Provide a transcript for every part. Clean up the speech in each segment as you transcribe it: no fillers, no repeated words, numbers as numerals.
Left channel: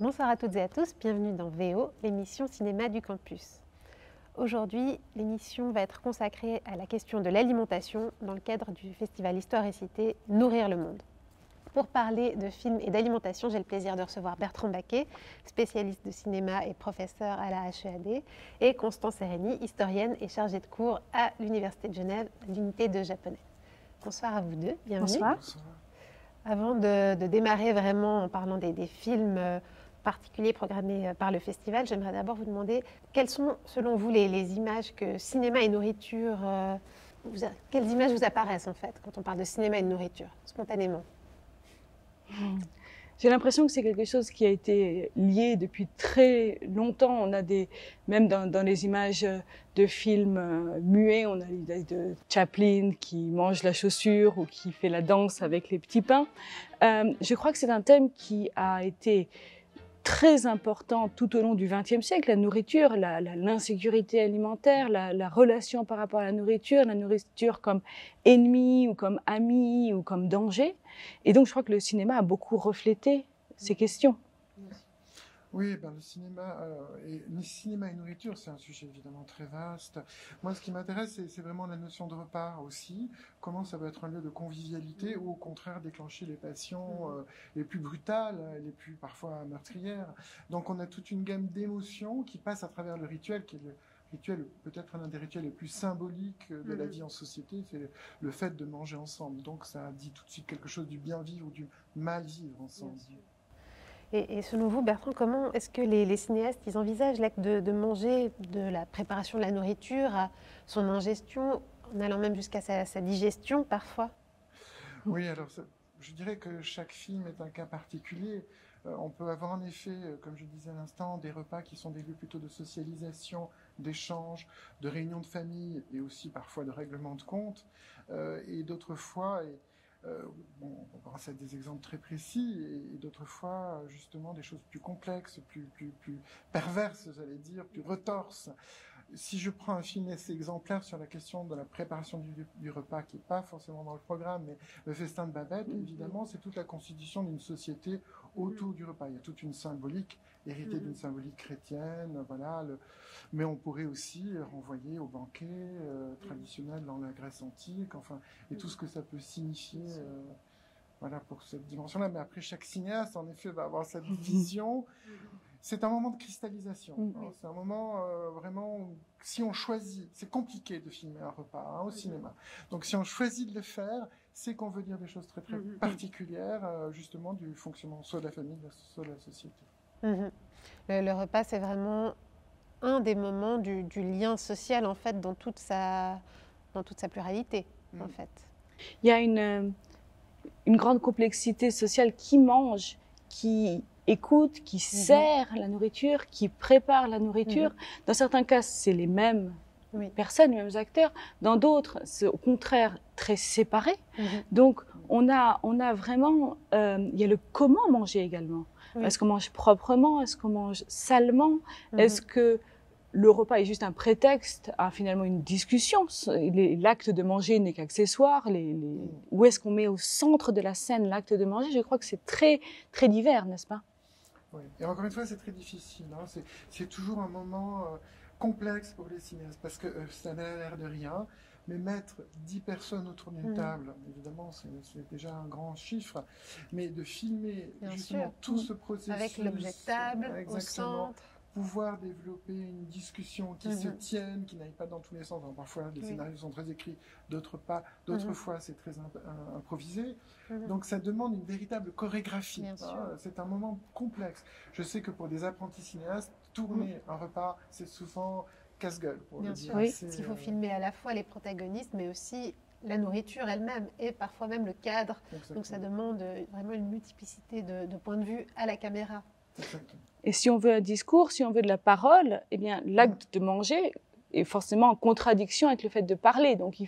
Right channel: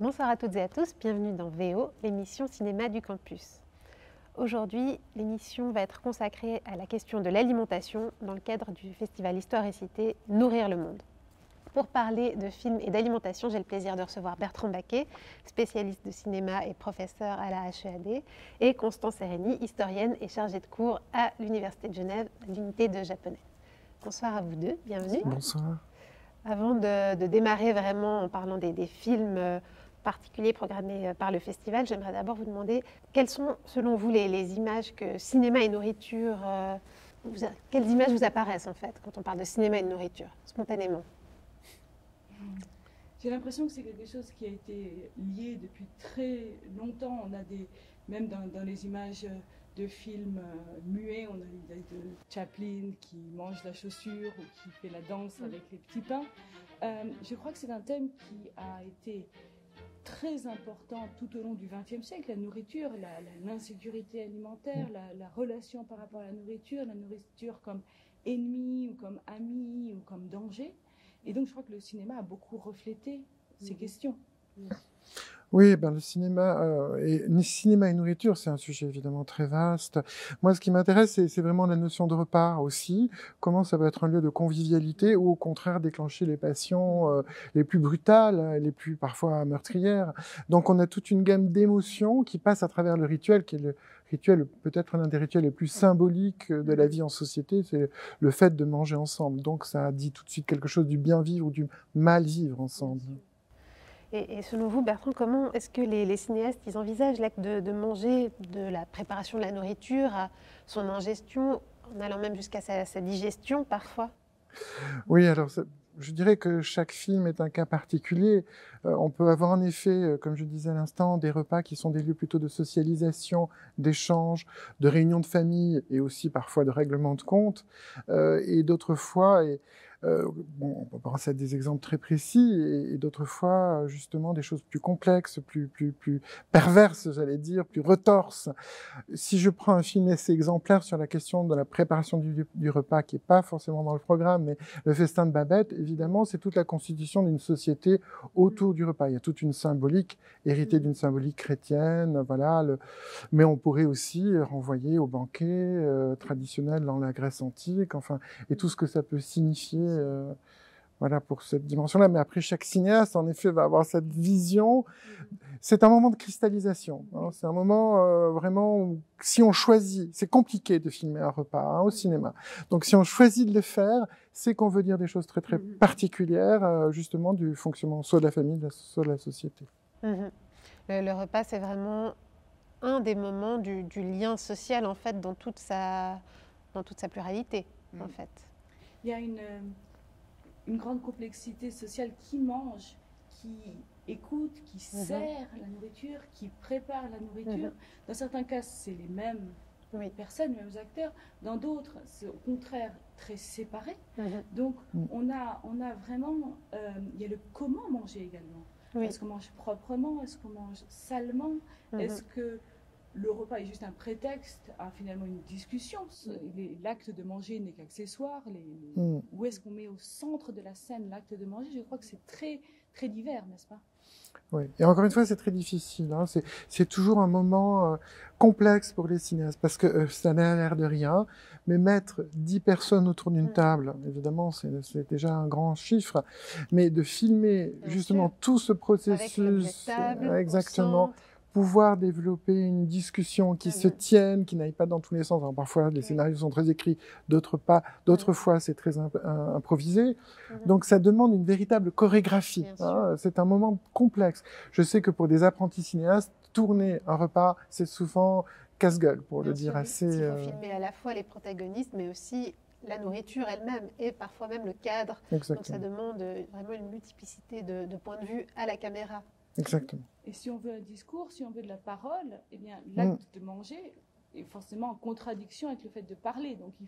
Bonsoir à toutes et à tous, bienvenue dans VO, l'émission cinéma du campus. Aujourd'hui, l'émission va être consacrée à la question de l'alimentation dans le cadre du festival Histoire et Cité Nourrir le monde. Pour parler de films et d'alimentation, j'ai le plaisir de recevoir Bertrand Baquet, spécialiste de cinéma et professeur à la HEAD, et Constance Sereni, historienne et chargée de cours à l'Université de Genève, l'unité de japonais. Bonsoir à vous deux, bienvenue. Bonsoir. Bonsoir. Avant de démarrer vraiment en parlant des films particuliers programmés par le festival, j'aimerais d'abord vous demander quelles sont, selon vous, les images que cinéma et nourriture, quelles images vous apparaissent en fait quand on parle de cinéma et de nourriture, spontanément? J'ai l'impression que c'est quelque chose qui a été lié depuis très longtemps. On a même dans les images de films muets, on a l'idée de Chaplin qui mange la chaussure ou qui fait la danse avec les petits pains. Je crois que c'est un thème qui a été très important tout au long du XXe siècle, la nourriture, l'insécurité alimentaire, la relation par rapport à la nourriture comme ennemi ou comme ami ou comme danger. Et donc je crois que le cinéma a beaucoup reflété ces questions. Oui, le cinéma et nourriture, c'est un sujet évidemment très vaste. Moi, ce qui m'intéresse, c'est vraiment la notion de repas aussi. Comment ça peut être un lieu de convivialité ou au contraire déclencher les passions les plus brutales, les plus parfois meurtrières. Donc, on a toute une gamme d'émotions qui passent à travers le rituel, qui est le rituel, peut-être l'un des rituels les plus symboliques de la vie en société, c'est le fait de manger ensemble. Donc, ça dit tout de suite quelque chose du bien vivre ou du mal vivre ensemble. Et selon vous, Bertrand, comment est-ce que les cinéastes ils envisagent l'acte de manger, de la préparation de la nourriture à son ingestion, en allant même jusqu'à sa digestion parfois? Oui, alors je dirais que chaque film est un cas particulier. On peut avoir en effet, comme je disais à l'instant, des repas qui sont des lieux plutôt de socialisation, d'échange, de réunion de famille et aussi parfois de règlement de compte. Et d'autres fois, on peut penser à des exemples très précis, et d'autres fois, justement, des choses plus complexes, plus perverses, j'allais dire, plus retorses. Si je prends un film assez exemplaire sur la question de la préparation du repas, qui est pas forcément dans le programme, mais le festin de Babette, évidemment, c'est toute la constitution d'une société autour du repas. Il y a toute une symbolique, héritée d'une symbolique chrétienne, voilà. Mais on pourrait aussi renvoyer au banquet traditionnel dans la Grèce antique, enfin, et tout ce que ça peut signifier. Voilà pour cette dimension-là. Mais après, chaque cinéaste, en effet, va avoir cette vision. C'est un moment de cristallisation. Hein. C'est un moment vraiment où, si on choisit, c'est compliqué de filmer un repas au cinéma. Donc, si on choisit de le faire, c'est qu'on veut dire des choses très très particulières, justement du fonctionnement soit de la famille, soit de la société. Le repas, c'est vraiment un des moments du lien social en fait dans toute sa pluralité en fait. Il y a une grande complexité sociale qui mange, qui écoute, qui sert la nourriture, qui prépare la nourriture. Dans certains cas, c'est les mêmes personnes, les mêmes acteurs. Dans d'autres, c'est au contraire très séparé. Donc, on a vraiment... il y a le comment manger également. Est-ce qu'on mange proprement? Est-ce qu'on mange salement? Est-ce que le repas est juste un prétexte à finalement une discussion? L'acte de manger n'est qu'accessoire. Où est-ce qu'on met au centre de la scène l'acte de manger? Je crois que c'est très, très divers, n'est-ce pas? Oui, et encore une fois, c'est très difficile. Hein. C'est toujours un moment complexe pour les cinéastes, parce que ça n'a l'air de rien, mais mettre 10 personnes autour d'une table, évidemment, c'est déjà un grand chiffre, mais de filmer justement tout ce processus, avec l'objet de table, exactement, au centre. Pouvoir développer une discussion qui se tienne, qui n'aille pas dans tous les sens. Alors, parfois, les scénarios sont très écrits, d'autres pas. D'autres fois, c'est très improvisé. Donc, ça demande une véritable chorégraphie. Hein. C'est un moment complexe. Je sais que pour des apprentis cinéastes, tourner un repas, c'est souvent casse-gueule, pour le dire assez. Il faut filmer à la fois les protagonistes, mais aussi la nourriture elle-même et parfois même le cadre. Exactement. Donc, ça demande vraiment une multiplicité de points de vue à la caméra. Exactement. Et si on veut un discours, si on veut de la parole, eh bien, l'acte de manger est forcément en contradiction avec le fait de parler. Donc, il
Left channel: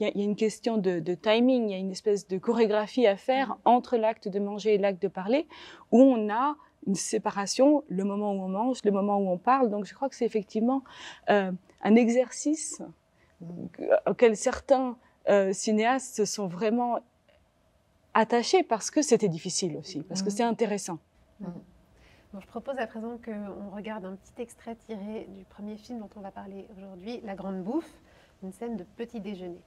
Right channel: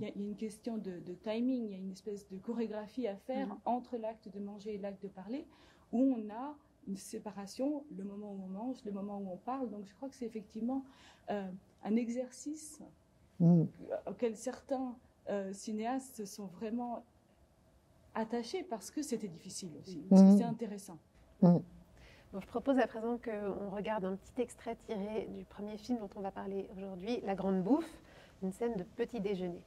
y a une question de timing, il y a une espèce de chorégraphie à faire entre l'acte de manger et l'acte de parler, où on a une séparation, le moment où on mange, le moment où on parle. Donc, je crois que c'est effectivement un exercice auquel certains cinéastes se sont vraiment attachés parce que c'était difficile aussi, parce que c'est intéressant. Bon, je propose à présent qu'on regarde un petit extrait tiré du premier film dont on va parler aujourd'hui, La Grande Bouffe, une scène de petit déjeuner.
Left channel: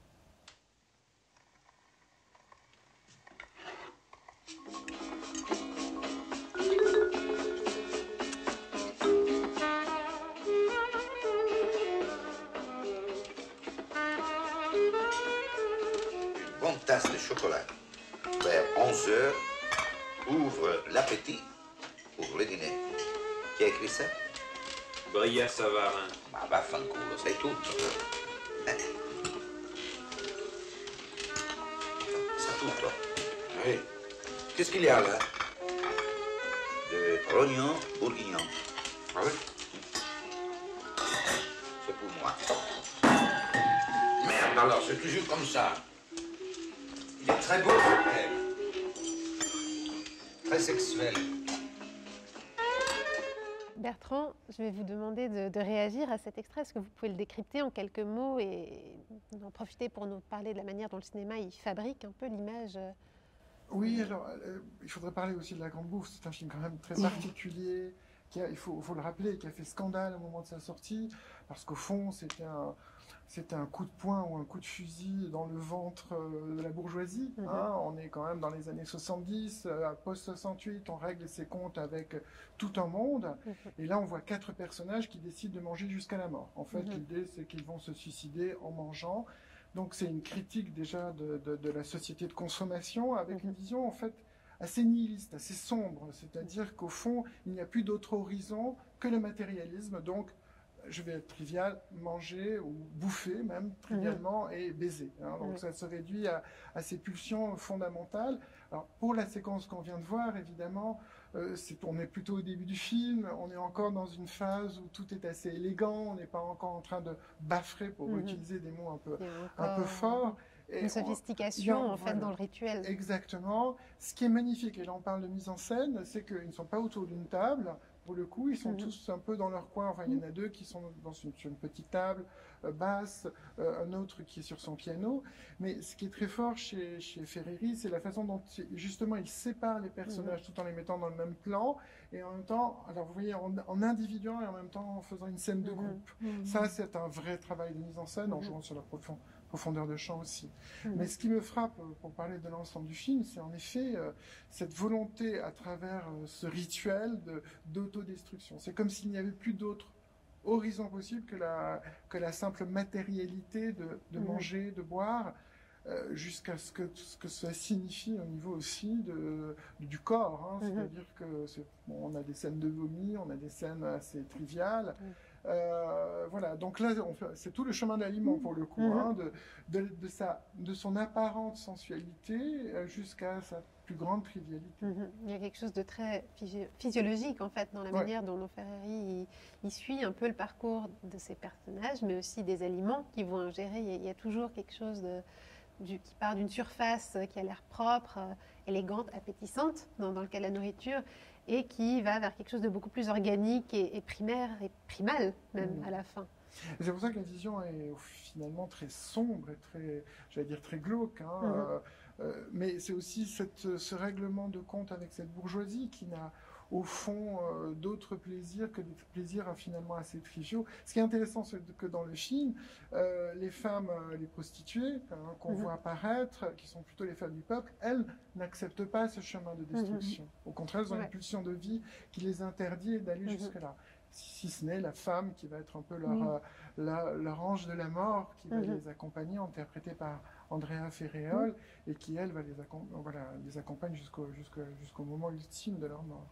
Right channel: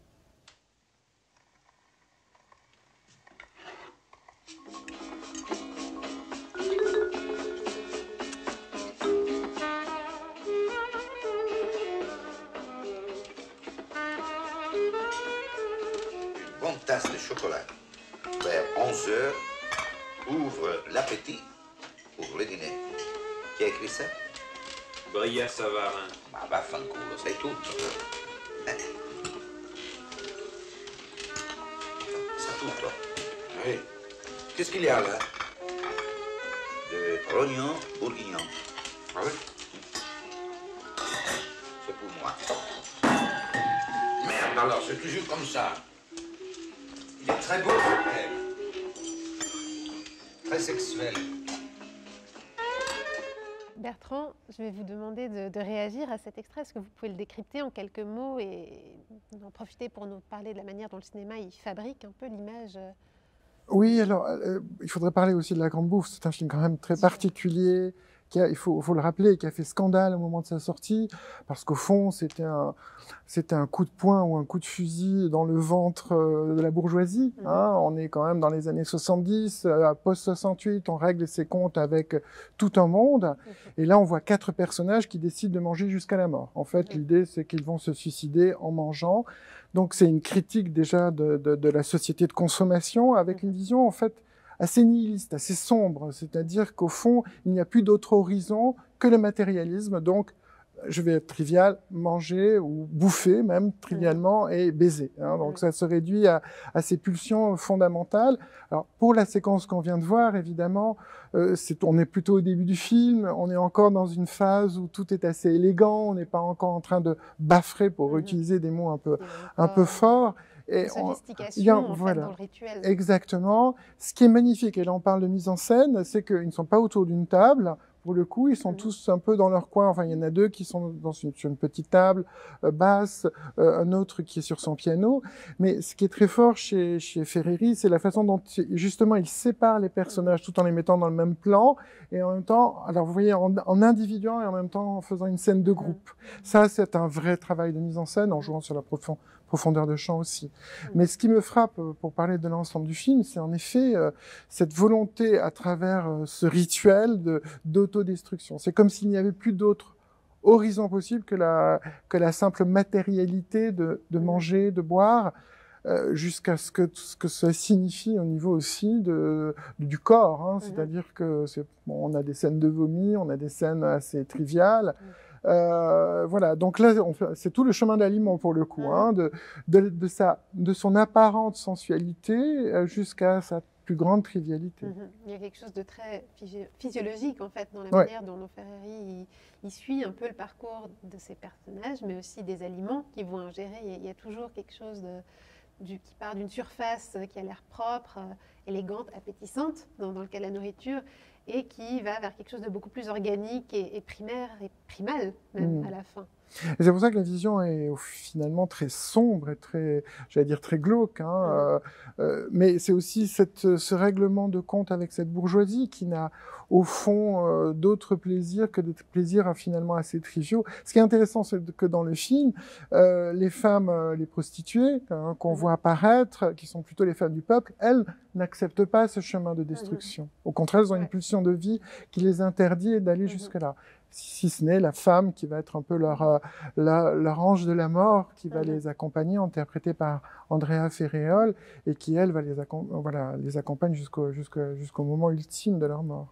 Une bonne tasse de chocolat vers 11 heures ouvre l'appétit pour le dîner. Qui a écrit ça? Brière Savarin. Bah, vaffanculo, sai tutto. Sa tutto. Oui. Qu'est-ce qu'il y a là? De rognon bourguignon. Ah oui? C'est pour moi. Merde alors, c'est toujours comme ça. Il est très beau, elle. Très sexuel. Bertrand, je vais vous demander de réagir à cet extrait. Est-ce que vous pouvez le décrypter en quelques mots et en profiter pour nous parler de la manière dont le cinéma il fabrique un peu l'image? Oui, alors, il faudrait parler aussi de La Grande Bouffe. C'est un film quand même très particulier, il faut le rappeler, qui a fait scandale au moment de sa sortie, parce qu'au fond, c'était un coup de poing ou un coup de fusil dans le ventre de la bourgeoisie. Hein. On est quand même dans les années 70, post-68, on règle ses comptes avec tout un monde. Et là, on voit 4 personnages qui décident de manger jusqu'à la mort. En fait, l'idée, c'est qu'ils vont se suicider en mangeant. Donc, c'est une critique déjà de la société de consommation, avec une vision, en fait, assez nihiliste, assez sombre. C'est-à-dire qu'au fond, il n'y a plus d'autre horizon que le matérialisme. Donc, je vais être trivial, manger ou bouffer même trivialement et baiser. Hein. Donc ça se réduit à ces pulsions fondamentales. Alors pour la séquence qu'on vient de voir, évidemment, on est plutôt au début du film, on est encore dans une phase où tout est assez élégant, on n'est pas encore en train de baffrer pour utiliser des mots un peu forts. Et une sophistication en fait dans le rituel. Exactement. Ce qui est magnifique, et là on parle de mise en scène, c'est qu'ils ne sont pas autour d'une table. Pour le coup, ils sont tous un peu dans leur coin. Enfin, il y en a 2 qui sont sur une petite table basse, un autre qui est sur son piano. Mais ce qui est très fort chez Ferreri, c'est la façon dont, justement, il sépare les personnages tout en les mettant dans le même plan. Et en même temps, alors vous voyez, en individuant et en même temps en faisant une scène de groupe. Ça, c'est un vrai travail de mise en scène, en jouant sur la profondeur de champ aussi. Mais ce qui me frappe, pour parler de l'ensemble du film, c'est en effet cette volonté à travers ce rituel d'autodestruction. C'est comme s'il n'y avait plus d'autre horizon possible que la simple matérialité de manger, de boire, jusqu'à ce que ça signifie au niveau aussi du corps. Hein. C'est-à-dire que on a des scènes de vomi, on a des scènes assez triviales. Voilà, donc là, c'est tout le chemin d'aliment pour le coup, hein, de son apparente sensualité jusqu'à sa plus grande trivialité. Il y a quelque chose de très physiologique en fait dans la manière dont Ferreri il suit un peu le parcours de ces personnages, mais aussi des aliments qu'ils vont ingérer. Il y a toujours quelque chose qui part d'une surface qui a l'air propre, élégante, appétissante dans le cas de la nourriture, et qui va vers quelque chose de beaucoup plus organique et primaire et primal même à la fin. Et c'est pour ça que la vision est finalement très sombre et très, j'allais dire très glauque. Hein, mais c'est aussi ce règlement de compte avec cette bourgeoisie qui n'a au fond d'autres plaisirs que des plaisirs finalement assez triviaux. Ce qui est intéressant, c'est que dans le film, les femmes, les prostituées qu'on voit apparaître, qui sont plutôt les femmes du peuple, elles n'acceptent pas ce chemin de destruction. Au contraire, elles ont une pulsion de vie qui les interdit d'aller jusque-là. Si ce n'est la femme qui va être un peu leur ange de la mort, qui va les accompagner, interprétée par Andrea Ferreol, et qui, elle, va les accompagne jusqu'au moment ultime de leur mort.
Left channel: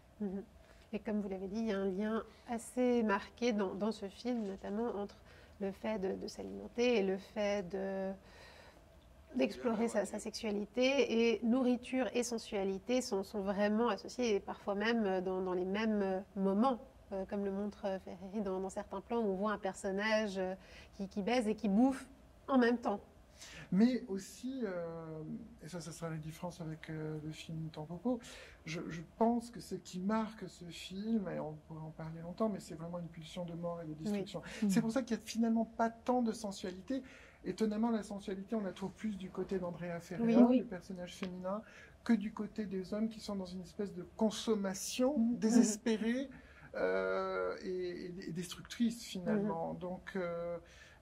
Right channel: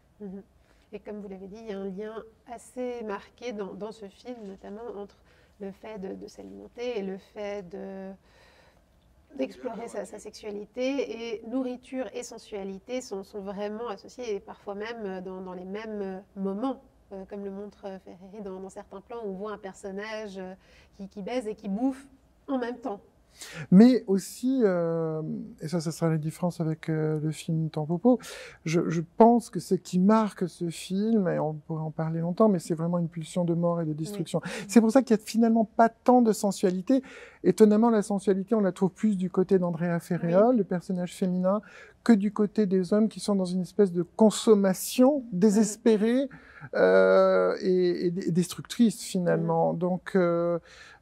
Et comme vous l'avez dit, il y a un lien assez marqué dans ce film, notamment entre le fait de s'alimenter et le fait d'explorer sa sexualité, et nourriture et sensualité sont vraiment associés, et parfois même dans les mêmes moments. Comme le montre Ferreri dans certains plans où on voit un personnage qui baise et qui bouffe en même temps. Mais aussi, et ça sera la différence avec le film Tampopo, je pense que ce qui marque ce film, et on pourrait en parler longtemps, mais c'est vraiment une pulsion de mort et de destruction. Oui. C'est pour ça qu'il n'y a finalement pas tant de sensualité. Étonnamment, la sensualité, on la trouve plus du côté d'Andrea Ferreira, Oui. le personnage féminin, que du côté des hommes qui sont dans une espèce de consommation désespérée et destructrice finalement. Donc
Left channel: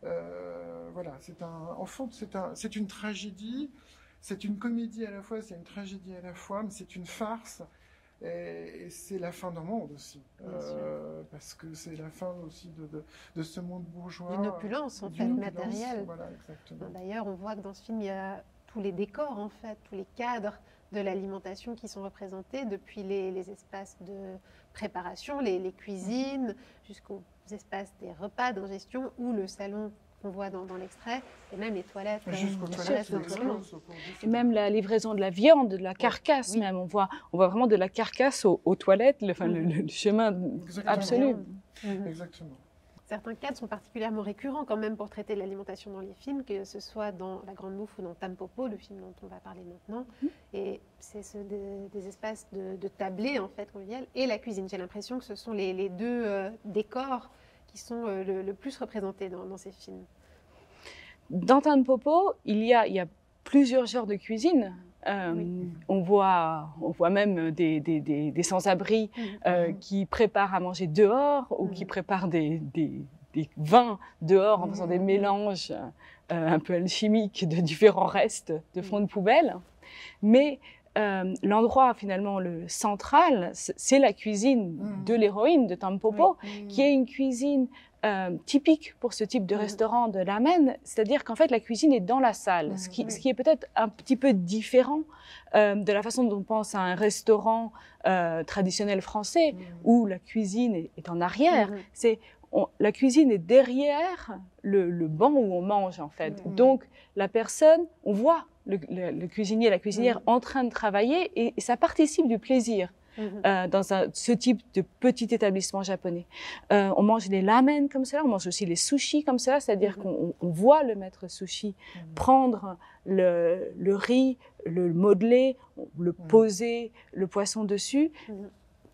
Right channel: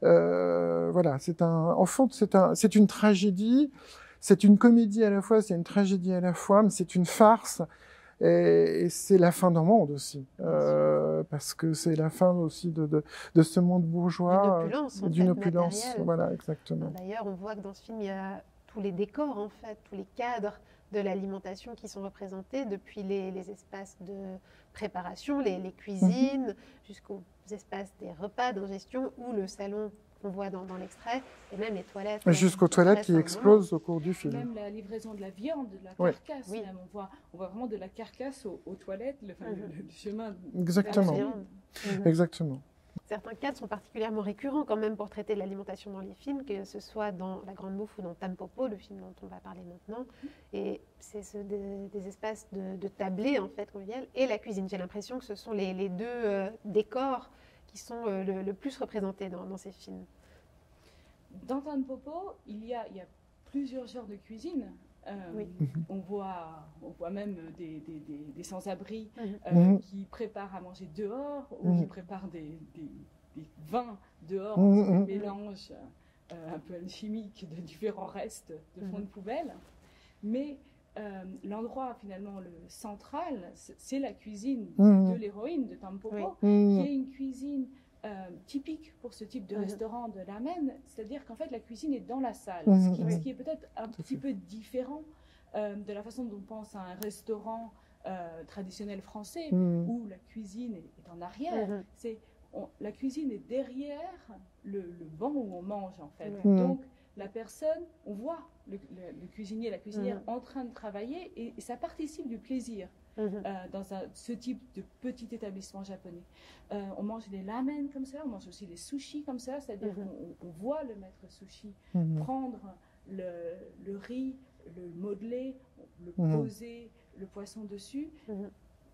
voilà, en fond, c'est une tragédie, c'est une comédie à la fois, c'est une tragédie à la fois, mais c'est une farce. Et c'est la fin d'un monde aussi, parce que c'est la fin aussi de ce monde bourgeois. D'une opulence, en fait, matérielle. Voilà, exactement. D'ailleurs, on voit que dans ce film, il y a tous les décors, en fait, tous les cadres de l'alimentation qui sont représentés, depuis les espaces de préparation, les cuisines, jusqu'aux espaces des repas d'ingestion ou le salon qu'on voit dans l'extrait, et même les toilettes. Jusqu'aux toilettes qui explosent au cours du film. Même la livraison de la viande, de la carcasse même. On voit vraiment de la carcasse aux toilettes, le chemin Exactement. Exactement. Certains cadres sont particulièrement récurrents quand même pour traiter de l'alimentation dans les films, que ce soit dans La Grande Bouffe ou dans Tampopo, le film dont on va parler maintenant. Et c'est des espaces de tablés, en fait, convivial, et la cuisine. J'ai l'impression que ce sont les deux décors qui sont le plus représentés dans ces films. Dans Tampopo, il y a plusieurs genres de cuisine. On voit même des sans-abri qui préparent à manger dehors ou qui préparent des vins dehors en faisant des mélanges un peu alchimiques de différents restes de fonds de poubelle. Mais l'endroit finalement le central, c'est la cuisine de l'héroïne de Tampopo, qui est une cuisine typique pour ce type de restaurant de l'Amen, c'est-à-dire qu'en fait la cuisine est dans la salle, ce qui est peut-être un petit peu différent de la façon dont on pense à un restaurant traditionnel français où la cuisine est en arrière. La cuisine est derrière le banc où on mange en fait. Donc la personne, on voit le cuisinier, la cuisinière en train de travailler et ça participe du plaisir. Dans ce type de petit établissement japonais. On mange les ramen comme cela, on mange aussi les sushis comme cela, c'est-à-dire qu'on voit le maître sushi prendre le riz, le modeler, le poser, le poisson dessus.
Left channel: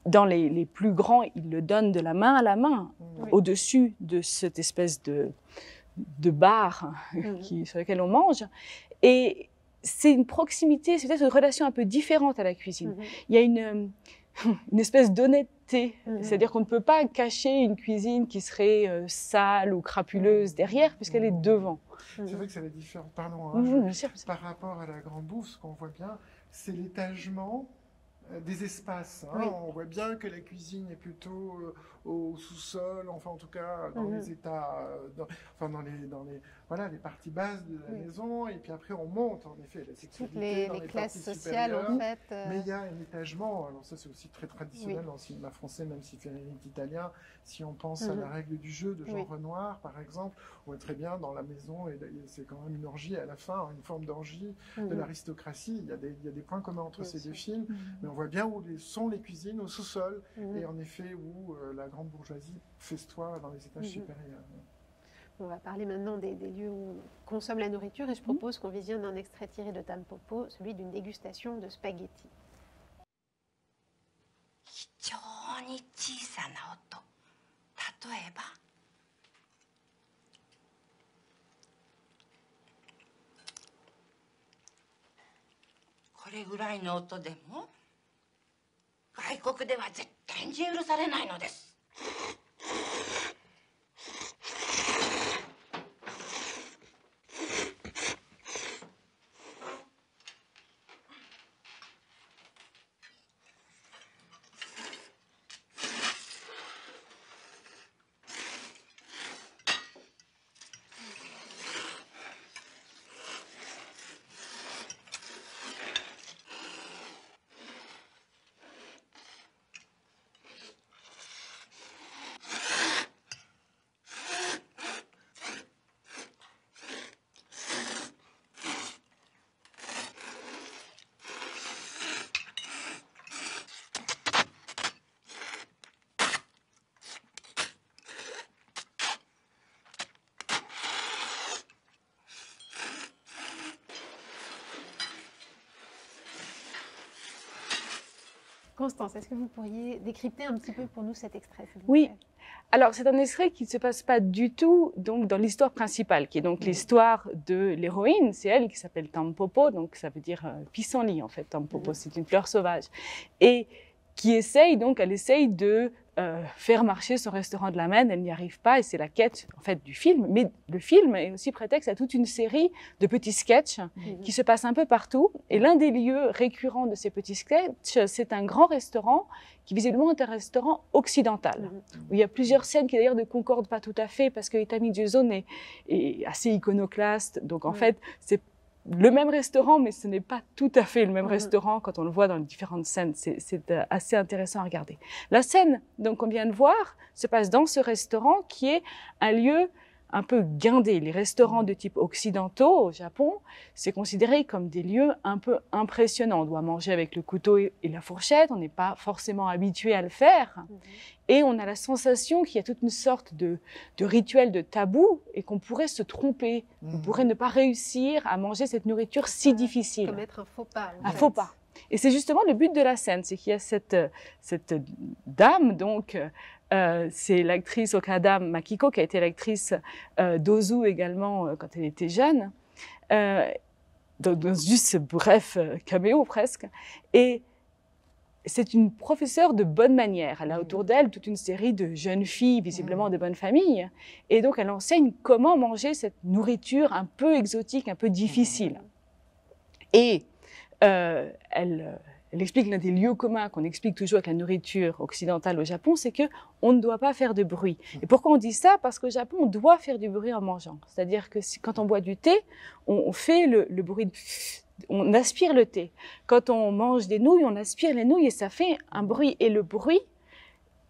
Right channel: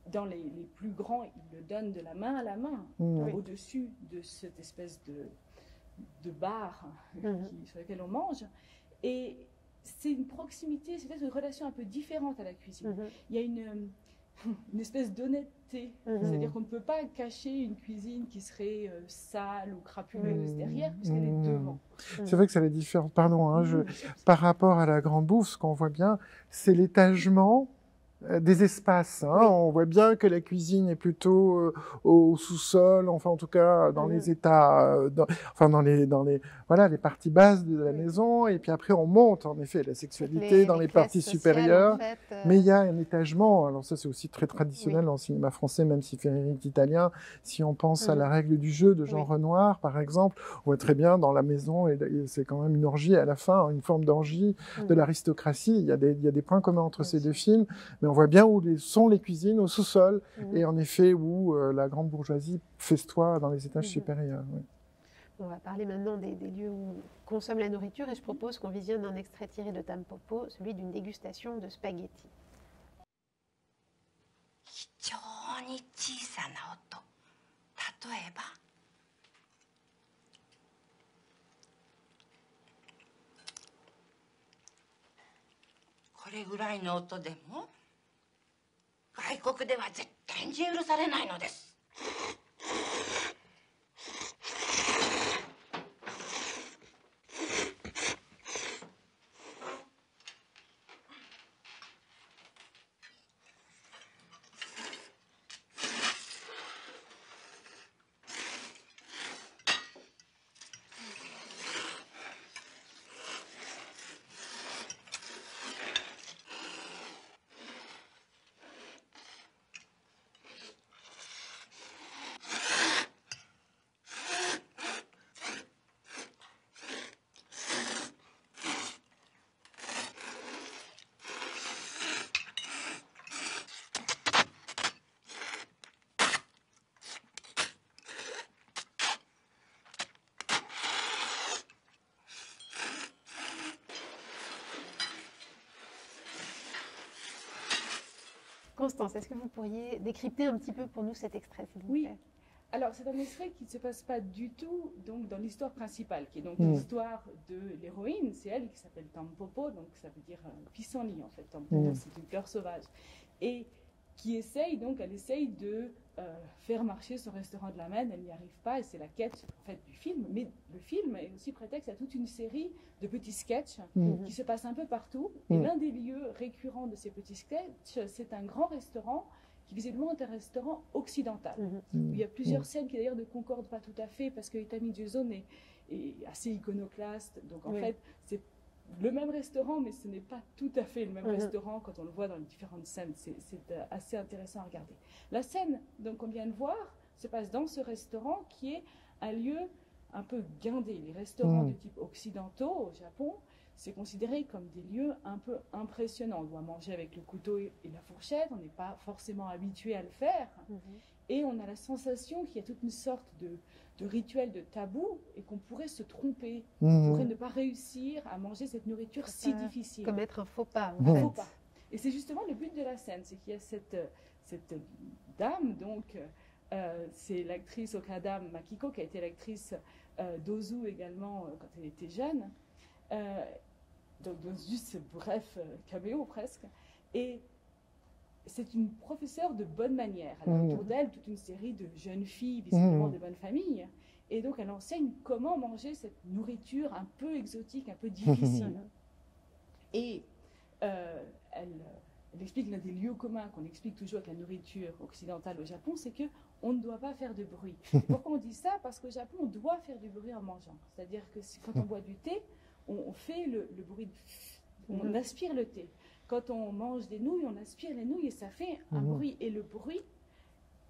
Dans les plus grands, il le donne de la main à la main, au-dessus de cette espèce de bar sur lequel on mange. Et c'est une proximité, c'est peut-être une relation un peu différente à la cuisine. Il y a une espèce d'honnêteté, c'est-à-dire qu'on ne peut pas cacher une cuisine qui serait sale ou crapuleuse derrière, puisqu'elle est devant. C'est vrai que ça est différent, pardon, par rapport à La Grande Bouffe, ce qu'on voit bien, c'est l'étagement des espaces. On voit bien que la cuisine est plutôt au sous-sol, enfin en tout cas dans les états, dans les parties basses de la maison, et puis après on monte en effet la sexualité dans les parties supérieures. En fait, mais il y a un étagement, alors ça c'est aussi très traditionnel dans le cinéma français, même si Frédéric italien, si on pense à La Règle du jeu de Jean Renoir par exemple, on voit très bien dans la maison, et c'est quand même une orgie à la fin, une forme d'orgie de l'aristocratie. Il y a des points communs entre ces deux films, mais on voit bien où sont les cuisines, au sous-sol, et en effet où la grande bourgeoisie festoie dans les étages supérieurs. On va parler maintenant des lieux où on consomme la nourriture, et je propose qu'on visionne un extrait tiré de Tampopo, celui d'une dégustation de spaghettis. 非常に小さな音、例えばこれぐらいの音でも外国では絶対に許されないのです。Constance, est-ce que vous pourriez décrypter un petit peu pour nous cet extrait, s'il vous Oui. plaît? Alors, c'est un extrait qui ne se passe pas du tout donc, dans l'histoire principale, qui est donc l'histoire de l'héroïne. C'est elle qui s'appelle Tampopo, donc ça veut dire pissenlit, en fait. Tampopo, c'est une fleur sauvage. Et qui essaye, donc, elle essaye de faire marcher son restaurant de la Maine. Elle n'y arrive pas, et c'est la quête, en fait, du film. Mais le film est aussi prétexte à toute une série de petits sketchs qui se passent un peu partout. Et l'un des lieux récurrents de ces petits sketchs, c'est un grand restaurant qui visiblement est un restaurant occidental, où il y a plusieurs scènes qui d'ailleurs ne concordent pas tout à fait, parce que Itami Juzo est assez iconoclaste, donc en fait c'est le même restaurant, mais ce n'est pas tout à fait le même restaurant quand on le voit dans les différentes scènes. C'est assez intéressant à regarder. La scène donc qu'on vient de voir se passe dans ce restaurant qui est un lieu un peu guindé. Les restaurants de type occidentaux au Japon, c'est considéré comme des lieux un peu impressionnants. On doit manger avec le couteau et la fourchette, on n'est pas forcément habitué à le faire. Et on a la sensation qu'il y a toute une sorte de rituel de tabou et qu'on pourrait se tromper, on pourrait ne pas réussir à manger cette nourriture si difficile. Commettre un faux pas. Un faux pas. Et c'est justement le but de la scène, c'est qu'il y a cette dame, donc, c'est l'actrice Okada Makiko, qui a été l'actrice d'Ozu également quand elle était jeune, dans juste ce bref caméo presque. Et c'est une professeure de bonne manière. Elle a autour d'elle toute une série de jeunes filles, visiblement de bonne famille. Et donc, elle enseigne comment manger cette nourriture un peu exotique, un peu difficile. Et elle explique l'un des lieux communs qu'on explique toujours avec la nourriture occidentale au Japon, c'est qu'on ne doit pas faire de bruit. Et pourquoi on dit ça? Parce qu'au Japon, on doit faire du bruit en mangeant. C'est-à-dire que quand on boit du thé, on fait le bruit, on aspire le thé. Quand on mange des nouilles, on aspire les nouilles et ça fait un bruit. Et le bruit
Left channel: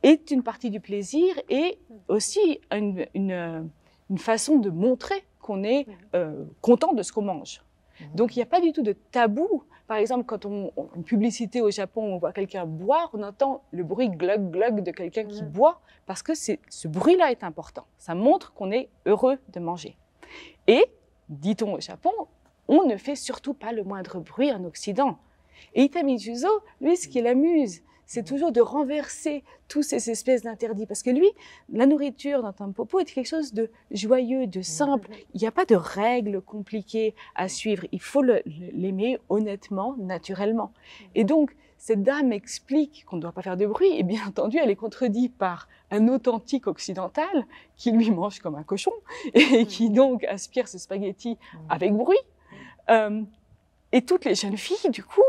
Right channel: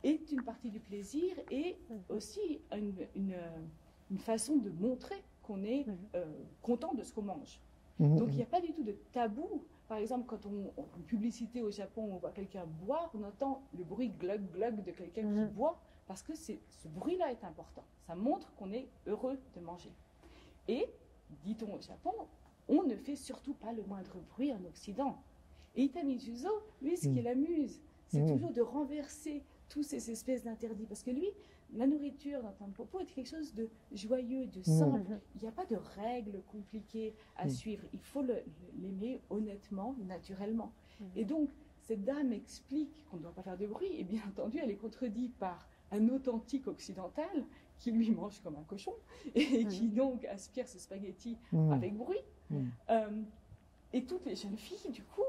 est une partie du plaisir et aussi une façon de montrer qu'on est content de ce qu'on mange. Donc, il n'y a pas du tout de tabou. Par exemple, quand une publicité au Japon, on voit quelqu'un boire, on entend le bruit glug glug de quelqu'un qui boit, parce que ce bruit-là est important. Ça montre qu'on est heureux de manger. Et, dit-on au Japon, on ne fait surtout pas le moindre bruit en Occident. Et Itami Juzo, lui, ce qui l'amuse, c'est toujours de renverser tous ces espèces d'interdits. Parce que lui, la nourriture dans Tampopo est quelque chose de joyeux, de simple. Il n'y a pas de règles compliquées à suivre. Il faut l'aimer honnêtement, naturellement. Et donc, cette dame explique qu'on ne doit pas faire de bruit. Et bien entendu, elle est contredite par un authentique occidental qui lui mange comme un cochon et qui donc aspire ses spaghettis avec bruit. Et toutes les jeunes filles, du coup,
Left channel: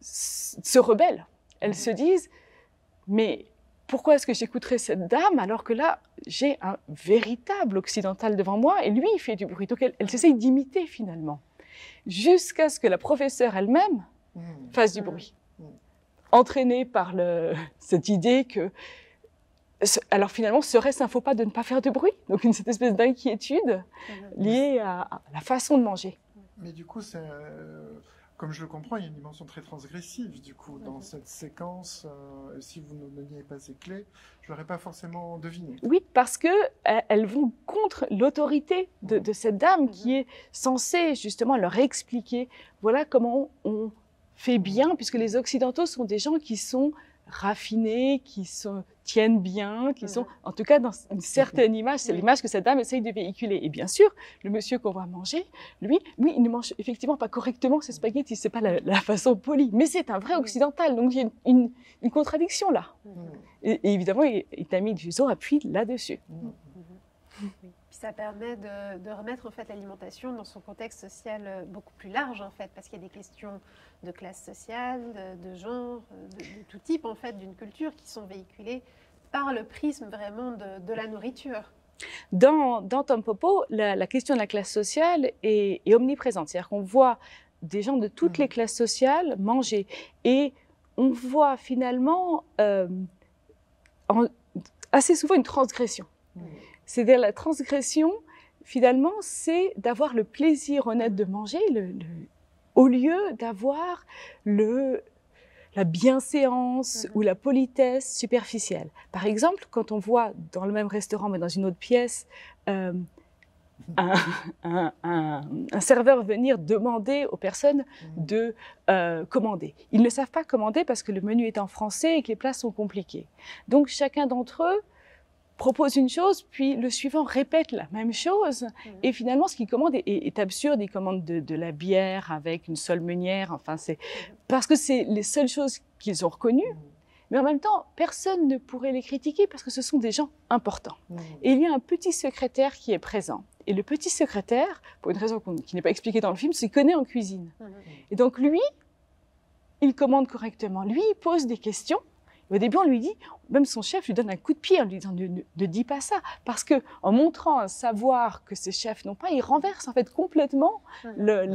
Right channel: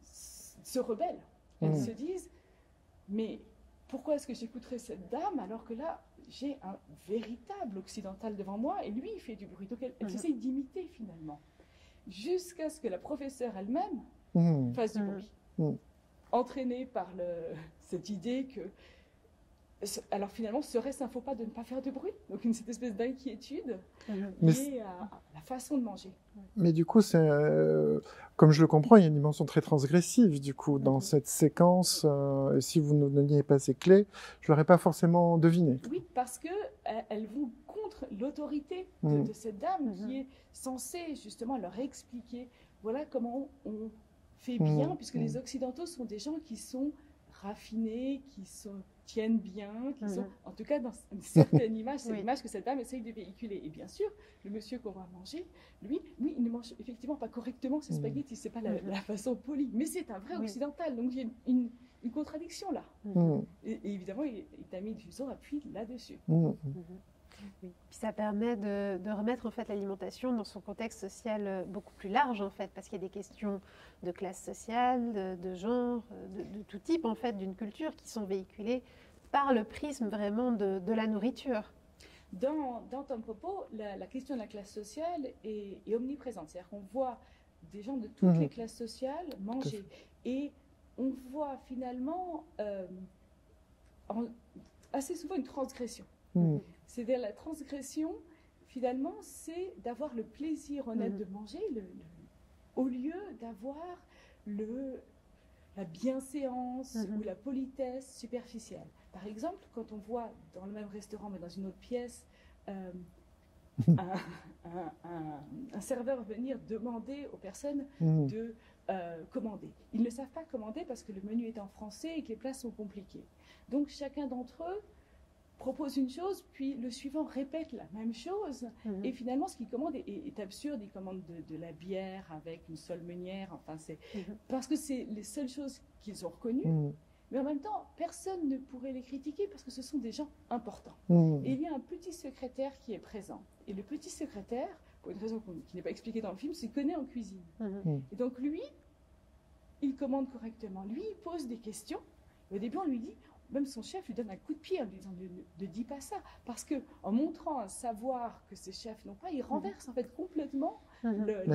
se rebellent. Elles se disent, mais pourquoi est-ce que j'écouterais cette dame alors que là, j'ai un véritable occidental devant moi et lui, il fait du bruit. Donc, elles essayent d'imiter finalement, jusqu'à ce que la professeure elle-même fasse du bruit, entraînée par cette idée que, alors finalement, serait-ce un faux pas de ne pas faire de bruit? Donc, cette espèce d'inquiétude liée à la façon de manger. Mais du coup, comme je le comprends, il y a une dimension très transgressive, du coup, dans cette séquence. Si vous ne me donniez pas ces clés, je ne l'aurais pas forcément deviné. Oui, parce qu'elles vont contre l'autorité de cette dame qui est censée justement leur expliquer, voilà comment on fait bien, puisque les Occidentaux sont des gens qui sont raffinés, qui tiennent bien, qui sont, en tout cas, dans une certaine image. C'est l'image que cette dame essaye de véhiculer. Et bien sûr, le monsieur qu'on va manger, lui, il ne mange effectivement pas correctement ses spaghettis. C'est pas la façon polie. Mais c'est un vrai occidental. Donc, il y a une contradiction là. Et évidemment, Itami Juzo appuie là-dessus. Puis ça permet de remettre en fait l'alimentation dans son contexte social beaucoup plus large en fait, parce qu'il y a des questions de classe sociale, de genre, de tout type en fait, d'une culture qui sont véhiculées par le prisme vraiment de la nourriture. Dans Tampopo, la question de la classe sociale est omniprésente. C'est-à-dire qu'on voit des gens de toutes les classes sociales manger et on voit finalement assez souvent une transgression. C'est-à-dire la transgression, finalement, c'est d'avoir le plaisir honnête de manger au lieu d'avoir la bienséance ou la politesse superficielle. Par exemple, quand on voit dans le même restaurant, mais dans une autre pièce, un serveur venir demander aux personnes de commander. Ils ne savent pas commander parce que le menu est en français et que les plats sont compliqués. Donc chacun d'entre eux propose une chose, puis le suivant répète la même chose. Et finalement, ce qu'il commande est absurde. Il commande de la bière avec une seule meunière. Enfin, c'est parce que c'est les seules choses qu'ils ont reconnues. Mais en même temps, personne ne pourrait les critiquer parce que ce sont des gens importants. Et il y a un petit secrétaire qui est présent. Et le petit secrétaire, pour une raison qui n'est pas expliquée dans le film, s'y connaît en cuisine. Et donc lui, il commande correctement. Lui, il pose des questions. Au début, on lui dit, même son chef lui donne un coup de pied en lui disant ne dis pas ça. Parce qu'en montrant un savoir que ses chefs n'ont pas, il renverse en fait complètement les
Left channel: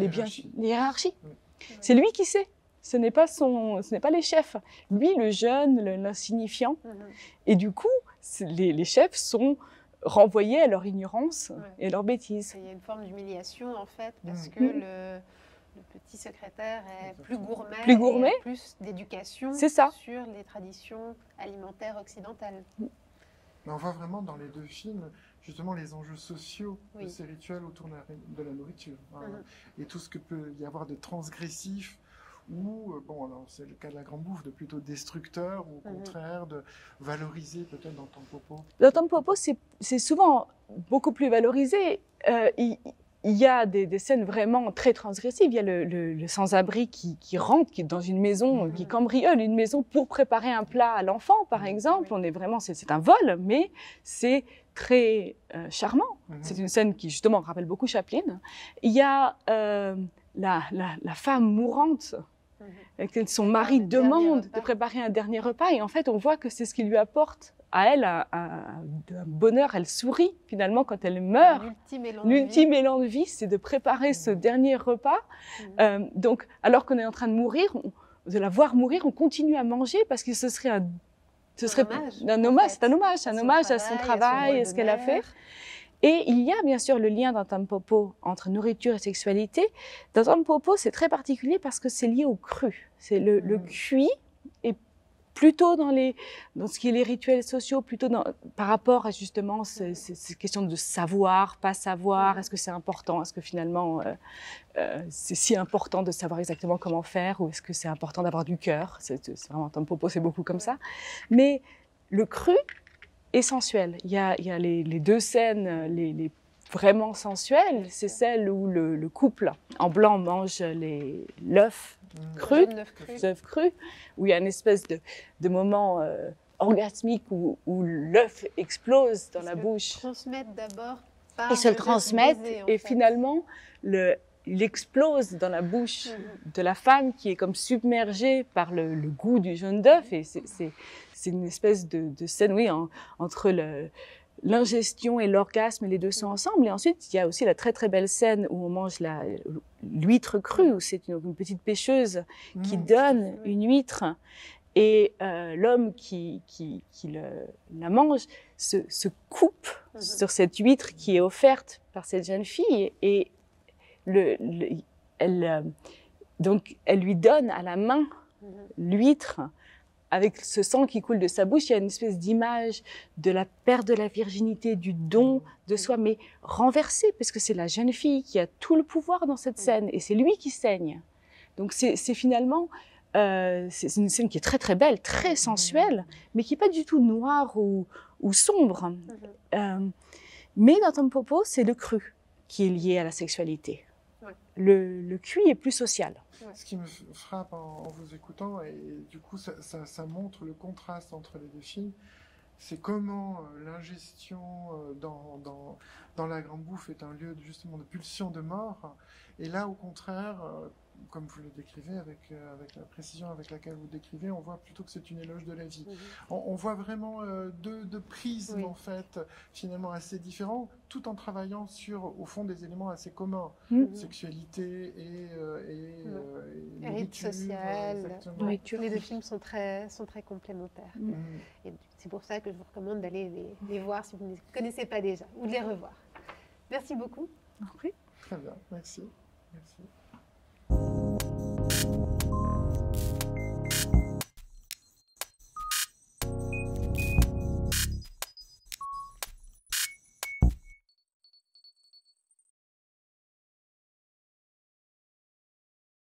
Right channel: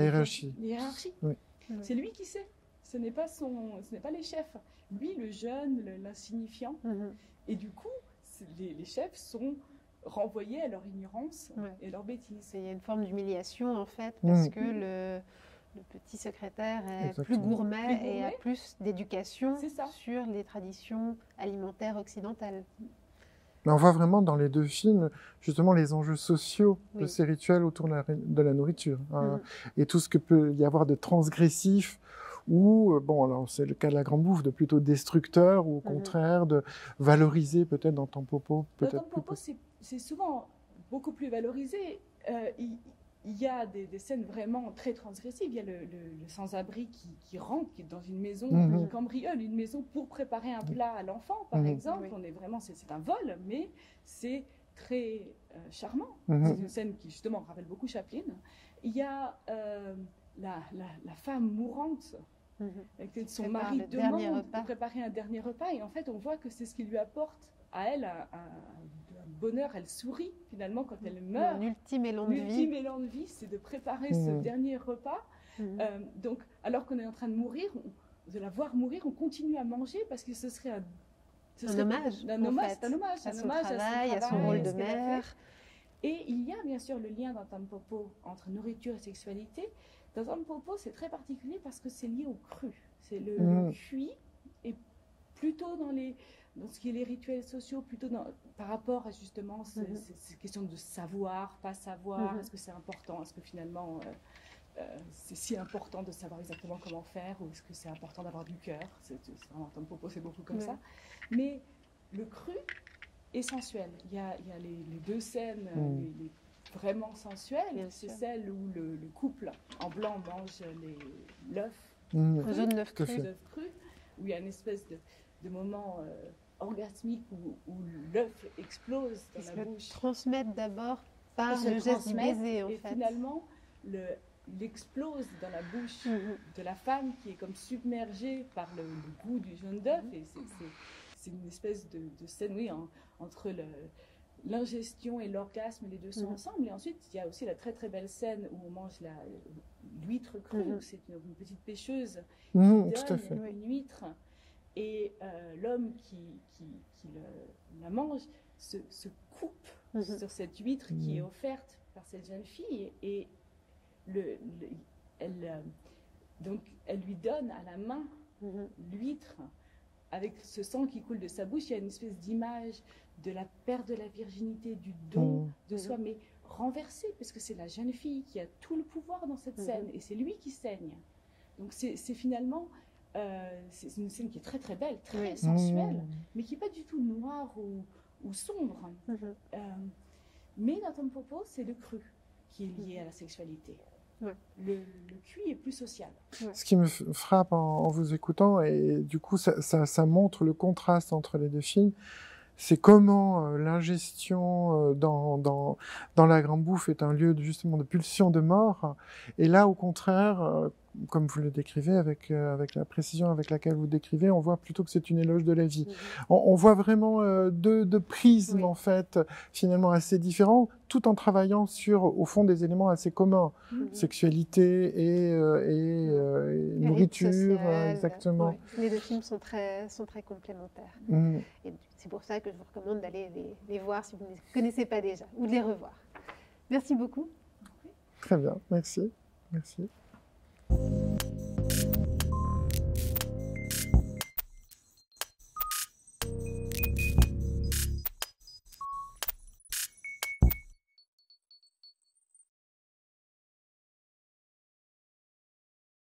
hiérarchies. C'est lui qui sait. Ce n'est pas les chefs. Lui, le jeune, l'insignifiant. Et du coup, les chefs sont renvoyés à leur ignorance et leur bêtise. Il y a une forme d'humiliation en fait, parce que le petit secrétaire est plus gourmet et a plus d'éducation sur les traditions alimentaires occidentales. Mais on voit vraiment dans les deux films justement les enjeux sociaux de ces rituels autour de la nourriture. Et tout ce que peut y avoir de transgressif ou, bon, alors c'est le cas de La Grande Bouffe, de plutôt destructeur ou au contraire de valoriser peut-être dans Tampopo. Dans Tampopo, c'est souvent beaucoup plus valorisé. Il y a des scènes vraiment très transgressives. Il y a le sans-abri qui rentre dans une maison, qui cambriole une maison pour préparer un plat à l'enfant, par exemple. On est vraiment, c'est un vol, mais c'est très charmant. C'est une scène qui, justement, rappelle beaucoup Chaplin. Il y a la femme mourante, que son mari demande de préparer un dernier repas. Et en fait, on voit que c'est ce qui lui apporte à elle un bonheur. Elle sourit finalement quand elle meurt. L'ultime élan de vie, c'est de préparer ce dernier repas. Donc, alors qu'on est en train de mourir, de la voir mourir, on continue à manger parce que ce serait un hommage. C'est un hommage à son travail, à ce qu'elle a fait. Et il y a bien sûr le lien dans Tampopo entre nourriture et sexualité. Dans Tampopo, c'est très particulier parce que c'est lié au cru. C'est le cuit est plutôt dans ce qui est les rituels sociaux, plutôt par rapport à justement ces questions de savoir, pas savoir. Est-ce que c'est important? Est-ce que finalement c'est si important de savoir exactement comment faire? Ou est-ce que c'est important d'avoir du cœur? C'est vraiment Tampopo, c'est beaucoup comme ça. Mais le cru et sensuel. Il y a les deux scènes les vraiment sensuelles. C'est celle où le couple en blanc mange l'œuf cru, où il y a une espèce de moment orgasmique où l'œuf explose dans la bouche. Ils se transmettent d'abord par Ils se transmettent et finalement il explose dans la bouche de la femme qui est comme submergée par le goût du jaune d'œuf. Et c'est une espèce de scène, oui, entre l'ingestion et l'orgasme, les deux sont ensemble. Et ensuite, il y a aussi la très très belle scène où on mange l'huître crue, où c'est une petite pêcheuse qui donne une huître. Et l'homme qui la mange se coupe sur cette huître qui est offerte par cette jeune fille. Et donc, elle lui donne à la main l'huître. Avec ce sang qui coule de sa bouche, il y a une espèce d'image de la perte de la virginité, du don de soi, mais renversé, parce que c'est la jeune fille qui a tout le pouvoir dans cette scène, et c'est lui qui saigne. Donc c'est finalement, c'est une scène qui est très très belle, très sensuelle, mais qui n'est pas du tout noire ou sombre. Mais dans Tampopo, c'est le cru qui est lié à la sexualité. Le cuit est plus social. Ce qui me frappe en vous écoutant, et du coup ça montre le contraste entre les deux films, c'est comment l'ingestion dans La Grande Bouffe est un lieu justement de pulsion de mort, et là au contraire, comme vous le décrivez avec la précision avec laquelle vous le décrivez, on voit plutôt que c'est une éloge de la vie. On voit vraiment deux prismes en fait, finalement assez différents, tout en travaillant sur au fond des éléments assez communs, sexualité et nourriture, exactement. Les deux films sont très complémentaires. Et c'est pour ça que je vous recommande d'aller les voir si vous ne les connaissez pas déjà, ou de les revoir. Merci beaucoup. Très bien, merci.